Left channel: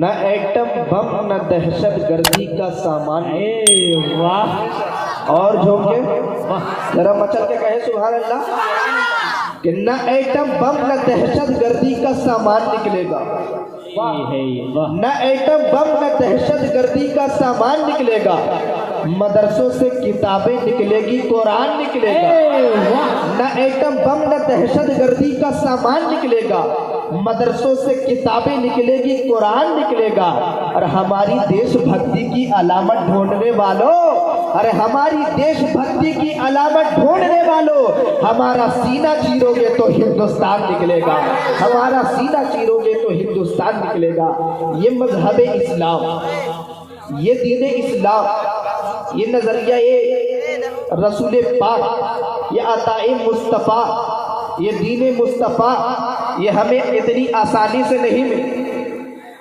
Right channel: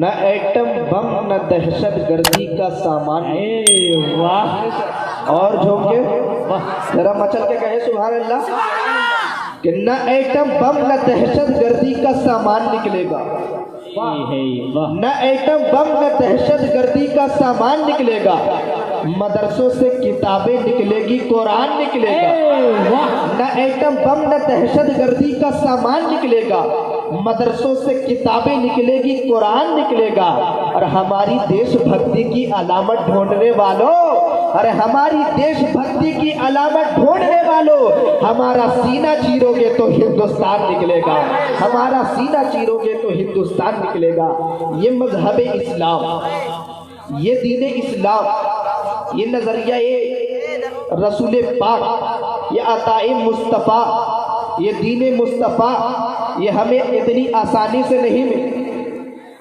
نہ atom bomb نہ دہشت گردی کا سامان. واہ. اور جو کہ ذرا مچل کے کہے سبحان اللہ کہ نہ ایٹم بم نہ دہشت گردی کا سامان نکلے گا. نہ ایٹم بم نہ دہشت گردی کا سامان نکلے گا. مدرسوں سے کتابیں نکلے گی، قرآن نکلے گا. نہ ایٹم بم نہ دہشت گردی کا سامان نکلے گا. مدرسوں سے کتابیں نکلے گی، قرآن نکلے گا. اور ہماری دیش بھکتی کی علامت ڈھونڈنے والوں، ارے ہماری دیش بھکتی کی علامت ڈھونڈنے والوں، ہمارا سینہ چیرو گے تو ہندوستان نکلے گا. ہمارا سینہ چیرو گے تو ہندوستان نکلے گا. یہ مذہب اسلام، یہ دین اسلام، یہ نظریہ یہ رسول پاک، یہ عطاء مصطفیٰ، یہ دین مصطفیٰ، یہ ہمیں اتنی آسانی سے نہیں ملی.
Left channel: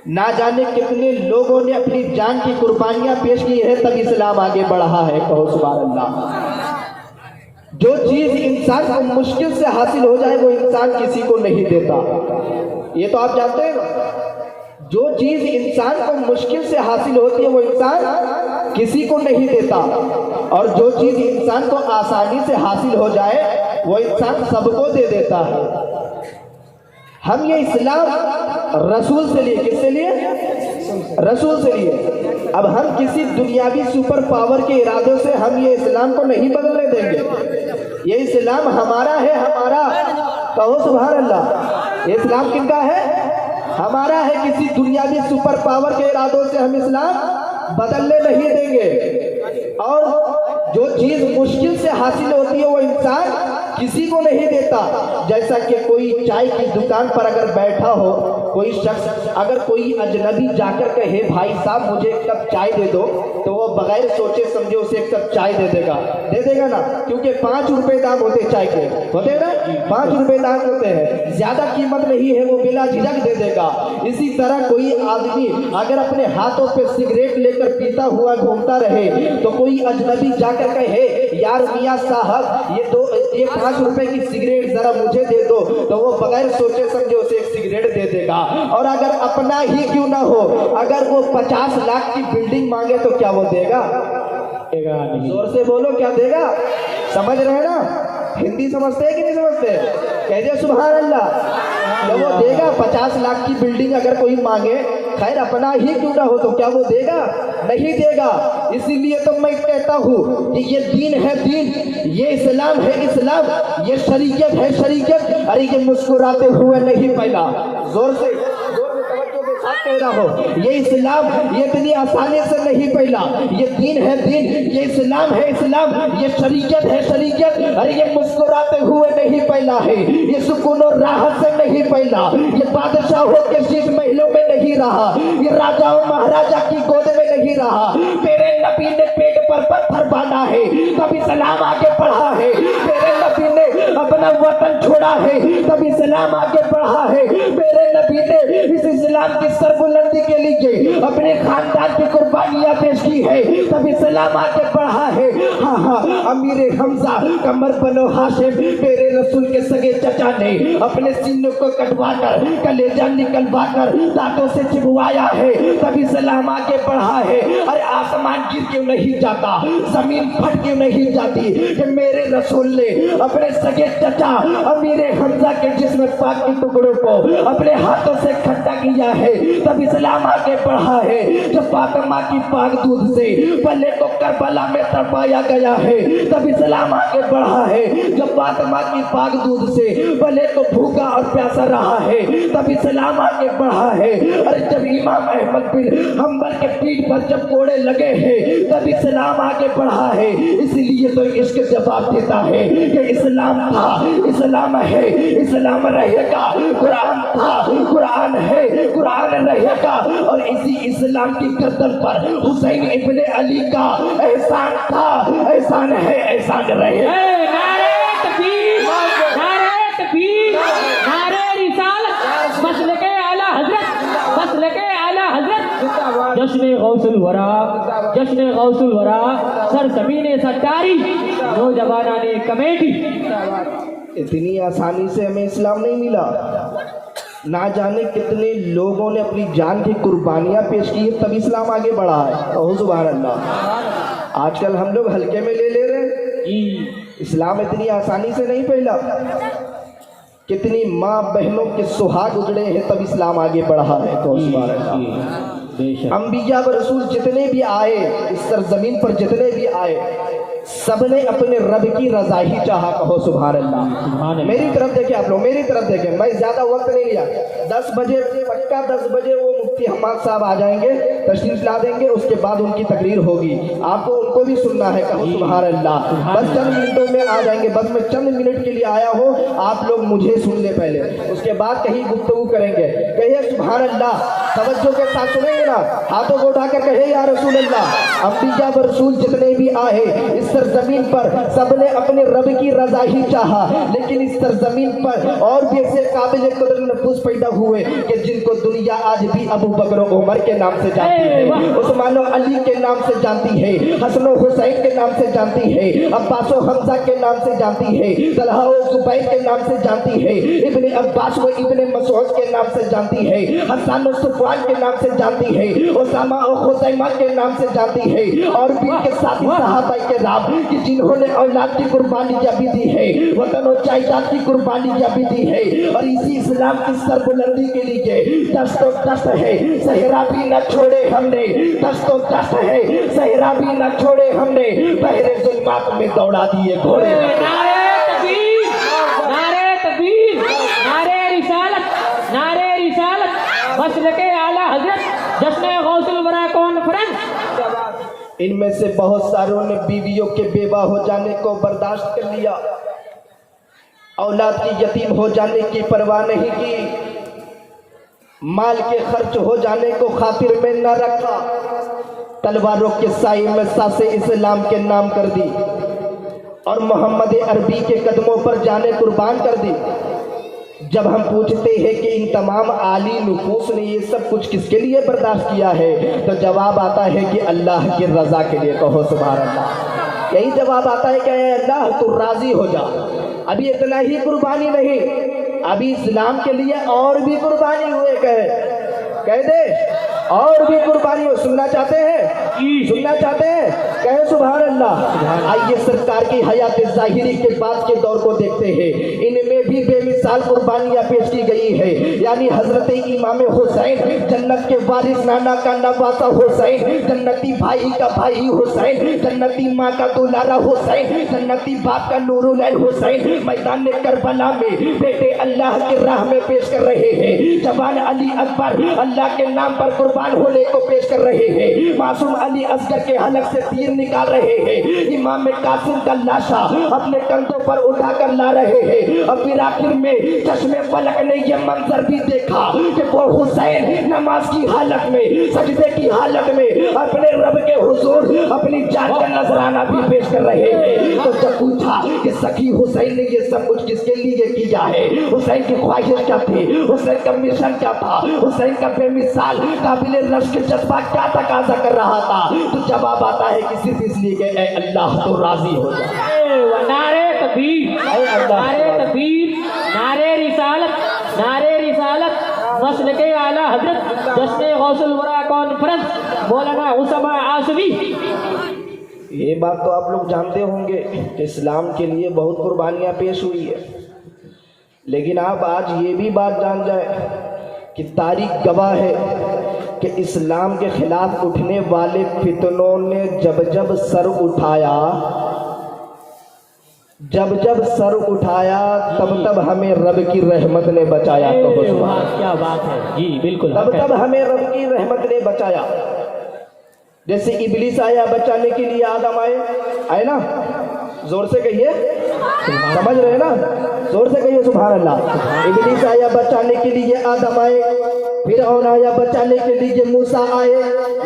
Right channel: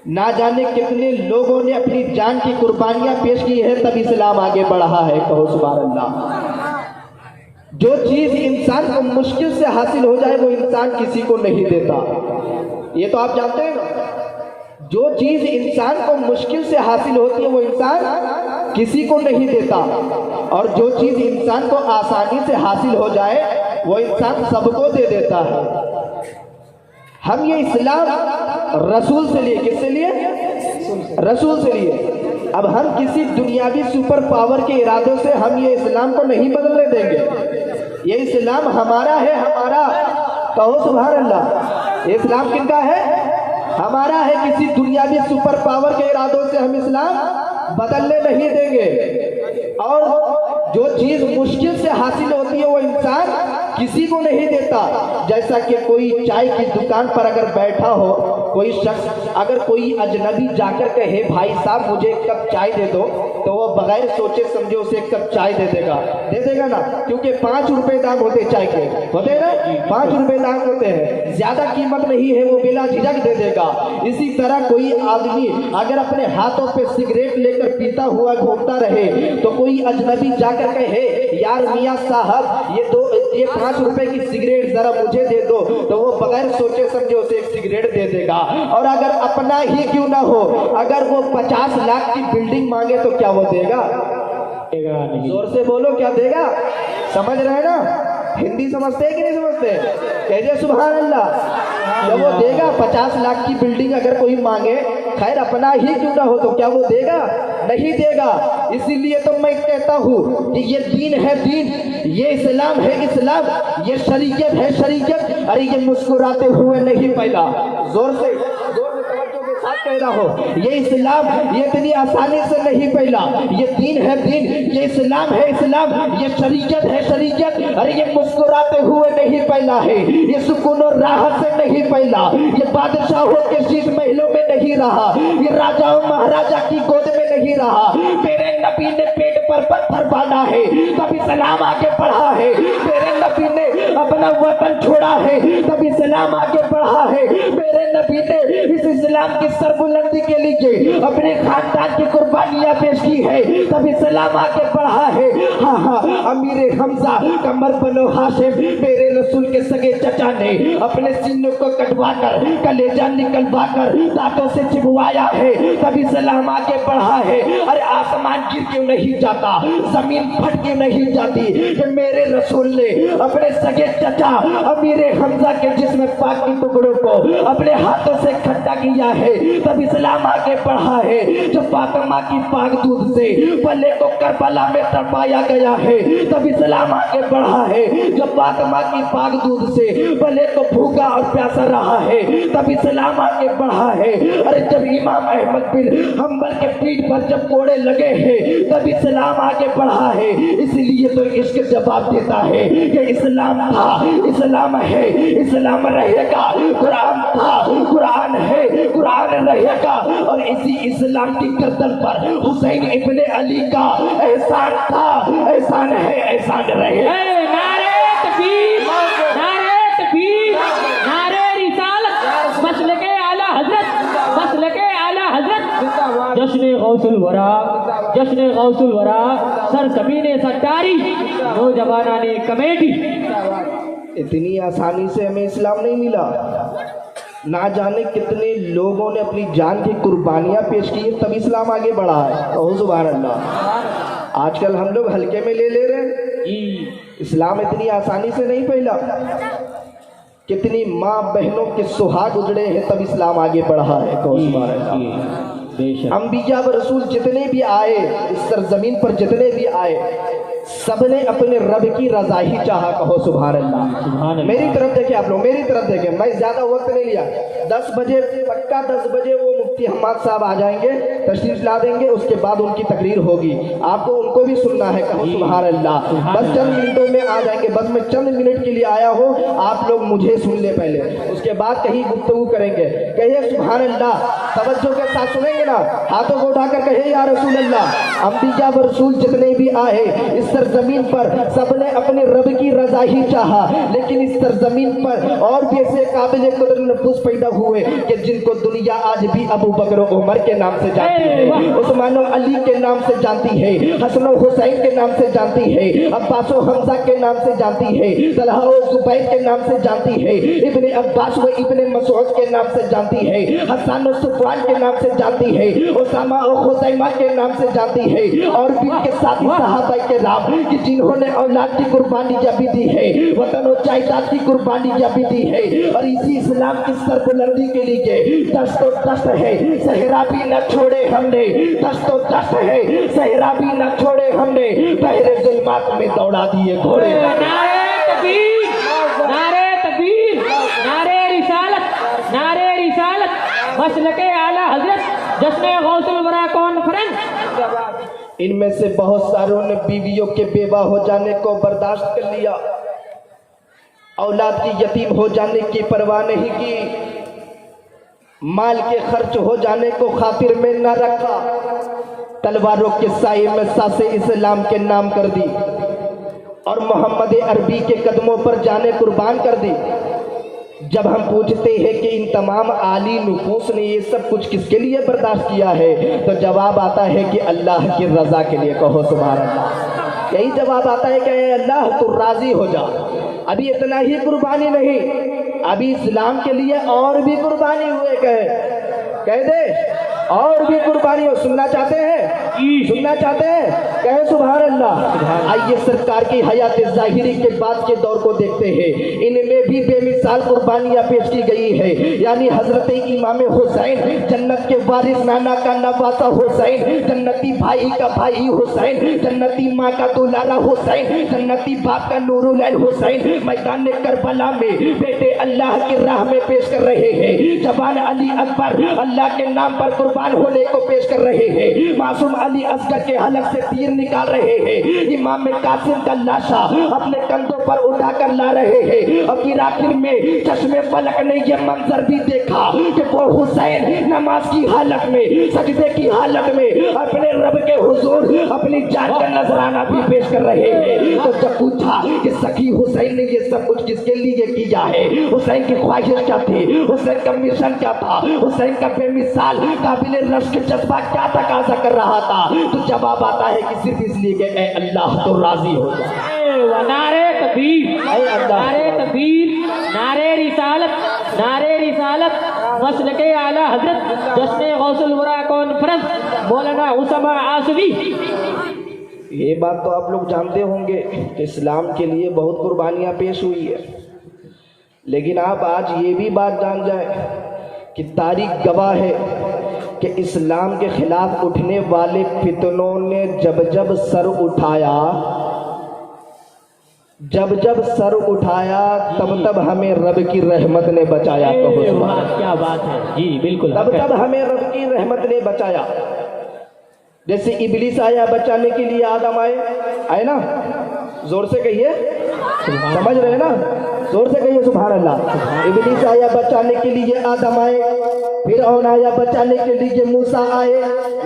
نہ جانے کتنے لوگوں نے اپنی جان کی قربانیاں پیش کی ہیں تب اسلام آگے بڑھا ہے. کہو سبحان اللہ. جو چیز انسان کو مشکل سے حاصل ہو جائے وہ انسان کسی کو نہیں دیتا. یہ تو آپ جانتے ہیں، جو چیز انسان کو مشکل سے حاصل ہوتی ہے وہ انسان کسی کو نہیں دیتا، اور جو چیز انسان کو آسانی سے حاصل ہو جائے وہ انسان سب کو دے دیتا ہے. ہم یہ اسلام رسول سے لیے، کس سے لیے؟ رسول سے لیے. اب ہم کسی دنیاوی سپر پاور کے ارادے سے ہم یہ اسلام کو نہیں بدلنے دیں گے. یہ اسلام ہمارا ہے، ہمارا. کہو سبحان اللہ. یہ اسلام کن کا ہے؟ ہمارا ہے. کسی دنیاوی سپر پاور کے ارادوں سے ہم اسلام بدلنے نہیں دیں گے. اور جو چیز مشکل سے حاصل ہوتی ہے وہ انسان کسی کو نہیں دیتا. جیسا کہ کوئی چائے کی دکان پر اگر بیٹھا ہو کوئی شخص، اگر کوئی اجنبی جا کر کہے بھائی صاحب مجھے ایک کپ چائے دے دو، تو وہ بغیر سوچے سمجھے اسے ایک کپ چائے دے دے گا. دے دے گا نا، کیونکہ 5 روپے دام ہوتے چائے کے، ہوتے نا 5 روپے دام ہوتے ہیں، زیادہ قیمت نہیں ہے، وہ بلا جھجک دے دے گا. اسی طرح کوئی آدمی اگر اپنے ہاتھوں پہ سگریٹ لے کر پیتا ہوا گھومتا رہے تو کوئی اجنبی جا کر کہے یار میاں صاحب یہ 5 روپے کی سگریٹ ذرا مجھے دے دو، تو وہ بغیر سوچے سمجھے اسے ایک سگریٹ دے دے گا. اور اگر اپنا ہی کیوں نہ ہو، اگر وہ 50 لاکھ کی بلڈنگ مانگے تو کیا وہ دے گا؟ زور سے بولو، کیا دے گا؟ سمجھ رہے نا؟ ہندی سمجھتے ہیں کہ نہیں سمجھتے؟ کہتے سبحان اللہ. جب وہ دے گا 50 لاکھ کی بلڈنگ اگر کوئی مانگے، خیر اپنا ہی کیوں نہ ہو، تو کیا وہ دے گا؟ نہیں دے گا. اسی لیے تو میں کہتا ہوں کہ یہ دین ہے دین، یہ اسلام ہے اسلام، یہ شریعت ہے شریعت. ارے یہ مسکراتے ہوئے نہیں پہلا، زور سے کہہ رہا ہو، یہ اسلام یہ اتنی آسانی سے نہیں پہلا. یہ دین ہے دین، یہ اسلام ہے اسلام، یہ شریعت ہے شریعت. ارے یہ مسکراتے ہوئے نہیں پہلا ہے، یہ سکون و راحت سے نہیں پہلا، یہ بادشاہوں کے شیش محلوں میں نہیں رہا، یہ راجاؤں مہاراجا کی گود میں نہیں رہا. میرے نبی نے پیٹ پر پتھر باندھا ہے تب اسلام آگے بڑھا ہے. میرے نبی نے اپنا وطن چھوڑا ہے تب اسلام آگے بڑھا ہے. میرے نبی نے اس اسلام کی سربلندی کے لیے اپنے خاندان کی قربانیاں پیش کی ہے تب اسلام آگے بڑھا ہے. ہاں ہاں، امیر حمزہ قمر بنو ہاشم میرے رسول کے سگے چچا نے اپنے سینوں کو کٹوا کر کلیجہ نکلوا کر دانتوں سے چبوایا ہے تب اسلام آگے بڑھا ہے. ارے آسمان گر کیوں نہیں جاتا، زمین پھٹ کیوں نہیں جاتی کہ میرے رسول نے اپنے سگے چچا امیر حمزہ کے جسم پاک کی ٹکڑوں کو اپنے ہاتھوں سے کھٹا کیا ہے تب اسلام آگے بڑھا ہے. جو فاطمہ کی پاک دودھ سے پلے کو کربلا میں تڑپایا گیا ہے تب اسلام آگے بڑھا ہے. جو فاطمہ کی پاک دودھ سے پلے کو بھوکا اور پیاسا رہا ہے تب اسلام آگے بڑھا ہے. ارے جب امام احمد بن حنبل کے پیٹھ پر جب کوڑے لگے ہیں تب اسلام آگے بڑھا ہے. اس لیے تو عشق جواب دیتا ہے کہ اسلام تھا، اسلام ہے، اسلام رہے گا. قرآن تھا، قرآن ہے، قرآن رہے گا. اور اسی اسلام کی گردن پر حسین ابن علی کا احسان تھا، احسان ہے، احسان رہے گا. جشن غوث الورا، جشن غوث الورا، سرزمین ستاری، نوجوانان کمیٹی. اتنی آسانی سے ہمیں اسلام نہیں ملا. ना जाने कितने लोगों ने अपनी जान की कुर्बानियां पेश की है, तब इस्लाम आगे बढ़ा है। ओह सुभान अल्लाह। आजकल हम लोग हल्के में ले रहे हैं। इस्लाम इतनी आसानी से नहीं फैला। कितनी माँ बहनों के सुहाग उजड़े हैं, तब इस्लाम आगे बढ़ा है। तो सुभान अल्लाह। अंबिया व रसूल जितने भी आए, इस सरजमीन पर जितने भी आए, सबने अपने रब की रजा ही चाहा। कहो सुभान अल्लाह। मेरी तरफ देखे आप लोग, मेरी तरफ देखे, मैं ज्यादा वक्त नहीं लिया। 10 बजे पक्का 10 बजे वो मुफ्ती हम्माद साहब आ जाएंगे, तशरीफ ला देंगे, उसके बाद उनकी तकरीर होगी, आपको उनको भी सुनना है। कहो सुभान अल्लाह। बस चंद मिनटों में आ जाएंगे, बस मैं चंद मिनट के लिए आया हूँ, आप लोग मुझे सुन ले पहले, उसके बाद कहीं गुफ्तगू करेंगे। कहिए सुभान अल्लाह, तवज्जो के साथ सुनेंगे ना, हाथों को उठाकर कहिए या रसूल अल्लाह। अंबिया व रसूल जितने भी आए इस सरजमीन पर, सबने अपने रब की रजा ही चाहा, लेकिन इस सरजमीन पर और भी ऐसे काबिल कदर नफूस पैदा हुए कि जिनको दुनिया आज भी अबू बकर उमर के नाम से जानती है, उस्मान अली के नाम से जानती है, हसन हुसैन के नाम से जानती है, अब्बास हमजा के नाम से जानती है, तलहा और जुबैर के नाम से जानती है, इब्ने अब्बास व इब्ने मसूद के नाम से जानती है, हसन और सुफवान के नाम से जानती है, उसामा और हुसैमा के नाम से जानती है, और भी के साथी सहाबा के नाम कि जिन्होंने औलाद की कुर्बानियां भी दी है, वतन और जायदाद की कुर्बानियां भी दी है, और इसी इस्लाम की सरबुलंदी के लिए दस्त दस्त है, सहरा भी न छोड़े हमने, दस्त दस्त है, सहरा भी न छोड़े हमने, बहरे जुल्मात में दौड़ा दिए घोड़े। नारे तकबीर, नारे तकबीर, नारे रिसालत, नारे रिसालत, मसलके आला हजरत, जश्न गौसुल वरा कॉन्फ्रेंस। इनमें से बहुत सारों ने बीवियों के बेवा हो जाने को बर्दाश्त कर लिया, औलाद की यतीम हो जाने की परवाह नहीं की, माल के खर्च हो जाने को खातिर में न रखा, तलवारों के साए में सासे इस्लाम के नाम कर दी, और मोहम्मद अरबी के कदमों पर जाने कुर्बान कर दी। जब हम पूछते हैं कि इन तमाम आली नुफूस ने ये सब कुछ किसके लिए बर्दाश्त किया है, तो जवाब आता है कि अल्लाह की रजा के लिए। कहो सुभान अल्लाह। यही जवाब आता है कि अल्लाह तो राजी हो जाओ। अभी इतना ही कुर्बानी नहीं, अभी इस्लाम के लिए और भी कुर्बानी हुए, कह दे और भी कुर्बानी हो। सुनना चाहते हैं, सुनना चाहते हैं, कहे सुभान अल्लाह। आइए सरकार की हयात ज़ाहिरी के बाद के दौर को देखते हैं, इनमें भी बेमिसाल कुर्बानियां पेश की गई है। यानी हजरत इमाम हुसैन, जन्नत के वारिस नाना का नवासा हुसैन, जन्नती भाई का भाई हुसैन, जन्नती माँ का दुलारा हुसैन, जन्नती बाप का नूरुल ऐन हुसैन, मैदान करबला में बेटे अल्लाह की राह में पेश कर रहे हैं। जवान अली अकबर अल्लाह के नाम पर कुर्बान होने को पेश कर रहे हैं। मासूम अली असगर के हलक से तीर निकाल रहे हैं। इमाम कासिम का लाशा अपने कंधों पर उठाकर ला रहे हैं। और फिर आखिर में चश्मे फलक ने यह मंजर भी देखा कि वो हुसैन नमाज की हालत में, सजदे की हालत में अपने रब के हुजूर अपनी जान का नजराना भी पेश कर रहे हैं। तो जब पूछा कि सखी हुसैन ने ये सब कुछ किसके लिए किया है, हुसैन की ख्वाहिश क्या थी, हुसैन का मिशन क्या था, हुसैन का बेमिसाल काबिल रश्क जज्बा क्या तकाजा कर रहा था, तो जवाब आता है कि सिर्फ इसलिए कि ऐ अल्लाह तो राजी हो जाए। नारे तकबीर, नारे तकबीर, नारे रिसालत, नारे रिसालत, मसलके आला हजरत, जश्न गौसुल वरा कॉन्फ्रेंस, मौलाना उसामा आसवी। ये बात तो आप लोग जानते होंगे कि इस्लाम के लिए बहुत कुर्बानियां पेश हुई है, लेकिन आप आज ये भी बात जान जाए कि तारीख गवाह है कि इस्लाम के खिलाफ उठने वाले फितनों ने जब जब सर उठाया, जब जब सर उठाया, तब तब हमें रब की रहमत ने बचाया। क्या बात है जी, बिल्कुल। तब तब हमें रब की रहमत ने बचाया। जैसे इबलीस आया बचाने के लिए, आदम आए ना, जोर से कहिए, समझ रहे ना, जोर से कहिए सुभान अल्लाह। इबलीस आया बचाने के लिए, आदम आए, फिरौन आया बचाने के लिए, मूसा आए,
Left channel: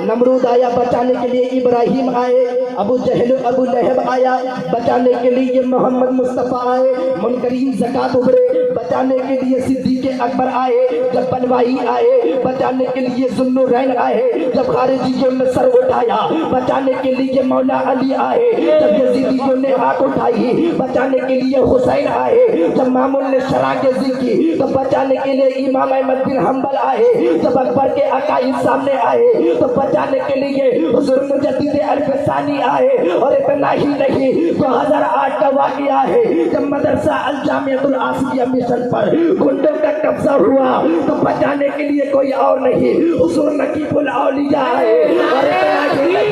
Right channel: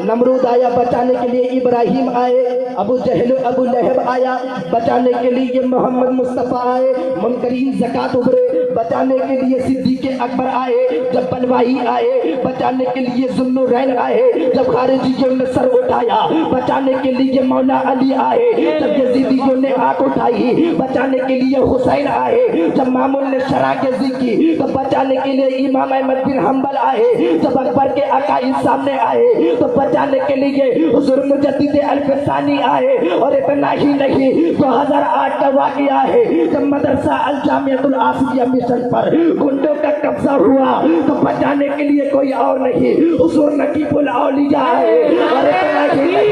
नमरूद आया बचाने के लिए, इब्राहिम आए, अबू जहल अबू लहब आया बचाने के लिए, मोहम्मद मुस्तफ़ा आए, मुनकरीन ज़कात उभरे बचाने के लिए, सिद्दीक़ अकबर आए, जब बलवाही आए बचाने के लिए, ज़ुन्नुरैन आए, जब खारिजियों ने सर उठाया, बचाने के लिए मौला अली आए। जब यजीदियों ने आंख उठाई, बचाने के लिए हुसैन आए। जब मामून ने शराकजी की, तो बचाने के लिए इमाम अहमद बिन हम्बल आए। जब अकबर के अकाइद सामने आए, तो बचाने के लिए हुजूर मुजद्दिद अल-फसानी आए। और इतना ही नहीं, 2008 का वाक़या है, जब मदरसा अल जामियतुल आसिया मिशन पर गुंडों का कब्जा हुआ, तो बचाने के लिए कोई और नहीं, हुजूर नकीबुल औलिया आए। और इतना ही नहीं,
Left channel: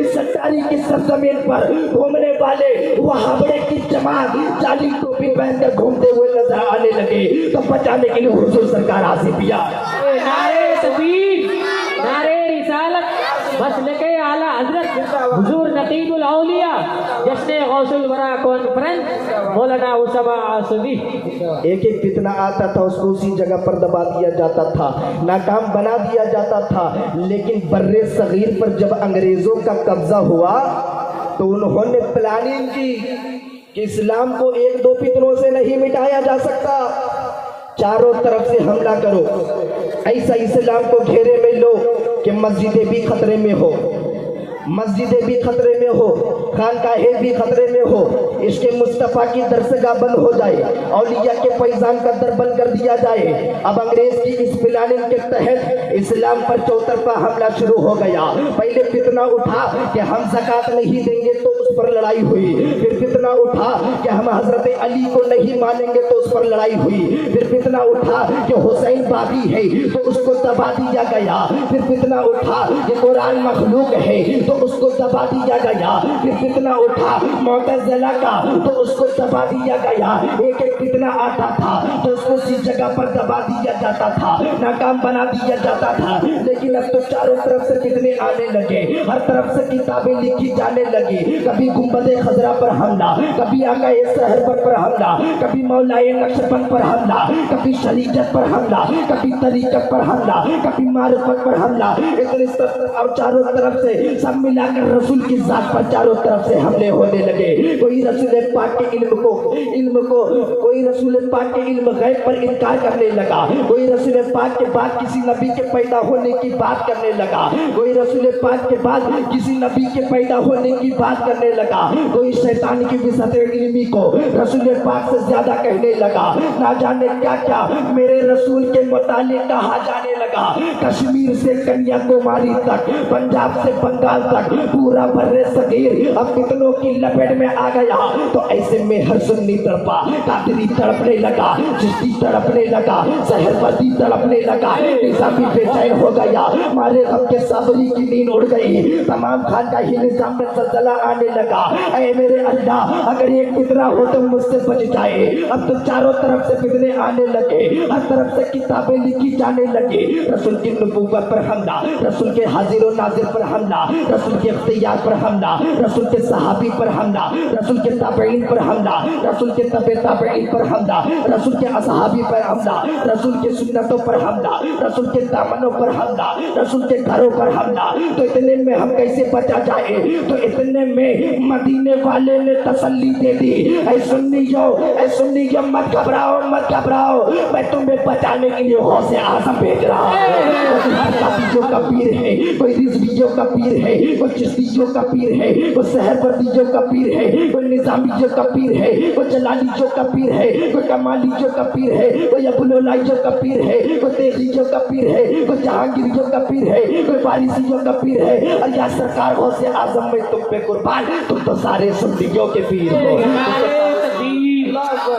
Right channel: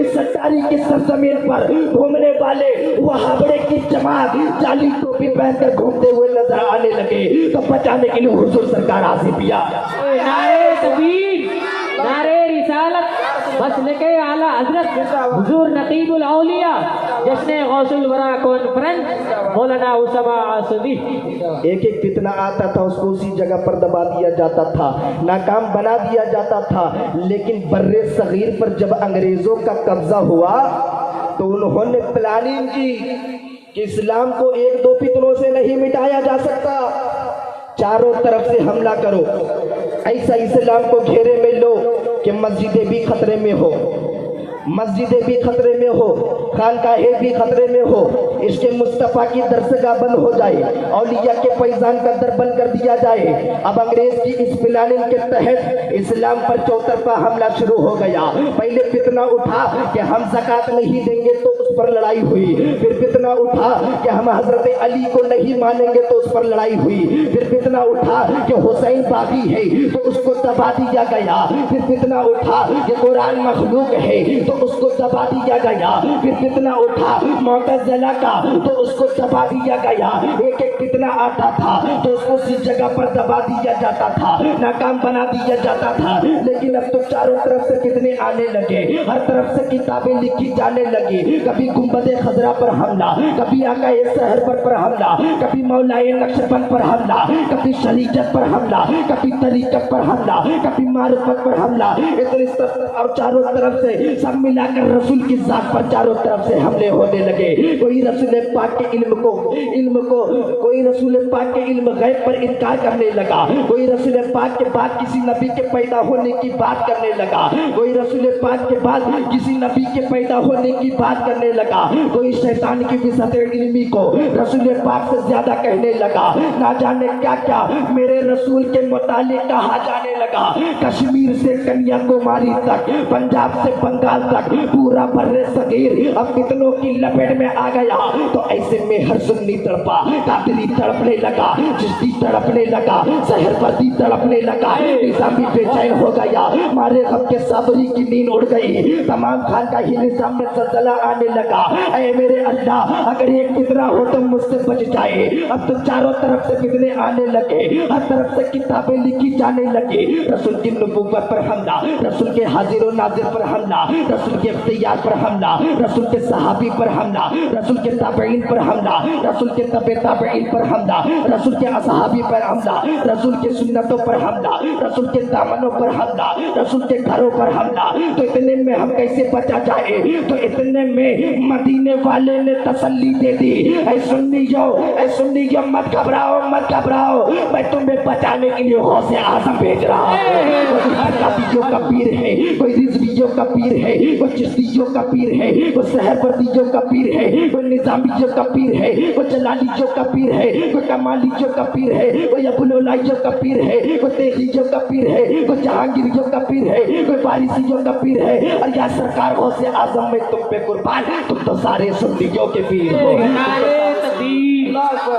इस सत्तारी की सरजमीन पर घूमने वाले वहाबड़े की जमात जाली टोपी पहनकर घूमते हुए नजर आने लगे, तो बचाने के लिए हुजूर सरकार आसिफिया। नारे तकबीर, नारे रिसालत, मसलके आला हजरत हुजूर नकीबुल औलिया, जश्न गौसुल वरा कॉन्फ्रेंस मौलाना उसामा आसवी। एक एक फितना आता था, उसको उसी जगह पर दबा दिया जाता था, नाकाम बना दिया जाता था। लेकिन बर्रे सगीर पर जब अंग्रेजों का कब्जा हुआ, तो उन्होंने प्लानिंग की कि इस्लाम को एक दो फितनों से नहीं मिटाया जा सकता, चारों तरफ से हमला करो, ऐसा इस्लाम को घेरे में लो कि मस्जिदें भी खतरे में हो, मस्जिदें भी खतरे में हो, खानकाहें भी खतरे में हो, इसके मुस्तफ़ा की दरसगाह बंद हो जाए, औलिया के फैजान का दर बंद कर दिया जाए। अब अंग्रेज की इस प्लानिंग के तहत इस्लाम पर चौतरफा हमला शुरू हो गया। पहले फितना उठा कि हम ज़कात नहीं देंगे, तो उस पर लड़ाई हुई। फिर फितना उठा कि हम हजरत अली को नहीं मानेंगे, तो उस पर लड़ाई हुई। फिर फितना उठा कि हुसैन बागी है, तो उसको दबा दिया गया। फिर फितना उठा कि कुरान मखलूक है, तो उसको दबा दिया गया। फिर फितना उठा मुअतज़िला का, तो उसको दबा दिया गया। एक एक फितना आता था, तो उसको उसी जगह पर दबा दिया जाता था, नाकाम बना दिया जाता था। लेकिन अब तो चारों तरफ से फितने आने लगे, हर तरफ से किताबें लिखी जाने लगी। कभी गुंबदे खजरा पर हमला, कभी आकाए सहरवर पर हमला, कभी मौलाए नक्शबंद पर हमला, कभी शरीयत पर हमला, कभी तरीकत पर हमला, कभी मारिफत पर हमला। इतनी और चारों तरफ से सब मिलाकर रसूल की जात पर चारों तरफ से हमले होने लगे। कोई रसूल पाक के इल्म को कोई रसूल पाक के इल्म गैब पर इनकार करने लगा, कोई रसूल पाक के बाद किसी नबी के पैदा होने की बात करने लगा, कोई रसूल पाक के बाद किसी नबी के पैदा होने की बात करने लगा, कोई शैतान की विसत इल्मी को रसूल पाक से ज्यादा कहने लगा। ना जाने क्या क्या मेरे रसूल के मुतालिक कहा जाने लगा। कश्मीर से कन्याकुमारी तक, पंजाब से बंगाल तक, पूरा बर्रे सगीर अब फितनों की लपेट में आ गया। तो ऐसे में हर सुन्नी तड़पा, कादरी तड़पने लगा, चिश्ती तड़पने लगा, सहरवर्दी तड़पने लगा, निजामी बेचैन हो गया, मारे गम के साबरी की नींद उड़ गई, तमाम खान का ही निजाम में जलजला आने लगा। ऐ मेरे अल्लाह, अगर ये फितना हो तो मुझसे बच जाए। अब तो चारों तरफ से फितने आने लगे, हर तरफ से किताबें लिखी जाने लगी। रसूल की नबूवत पर हमला, रसूल के हाजिर और नाजिर पर हमला, रसूल के इख्तियार पर हमला, रसूल के सहाबी पर हमला, रसूल के ताबईन पर हमला, रसूल के तबे ताबईन पर हमला, रसूल के असहाबी पर हमला, रसूल के सुन्नतों पर हमला, रसूल के दामनों पर हमला, रसूल के घरों पर हमला। तो इतने में हम कैसे बचा जाए? तो इतने में मदीने वाले ने तसल्ली दे दी, ऐ सुन्नियों मत घबराओ, मत घबराओ, मैं तुम्हें बचाने के लिए गौसे आज़म भेज रहा हूँ। का पीर है, कोई रिजवियों का पीर है, कोई चिश्तियों का पीर है, कोई सहरवर्दियों का पीर है, कोई निजामियों का पीर है, कोई जलालियों का पीर है, कोई कमालियों का पीर है, कोई अबुलौलाइयों का पीर है, कोई तेजियों का पीर है, कोई जहांगीरियों का पीर है, कोई वारिसियों का पीर है। और या सरकार गौसे आज़म में तुम पे कुर्बान, तुम तो सारे सुन्नियों के पीर हो।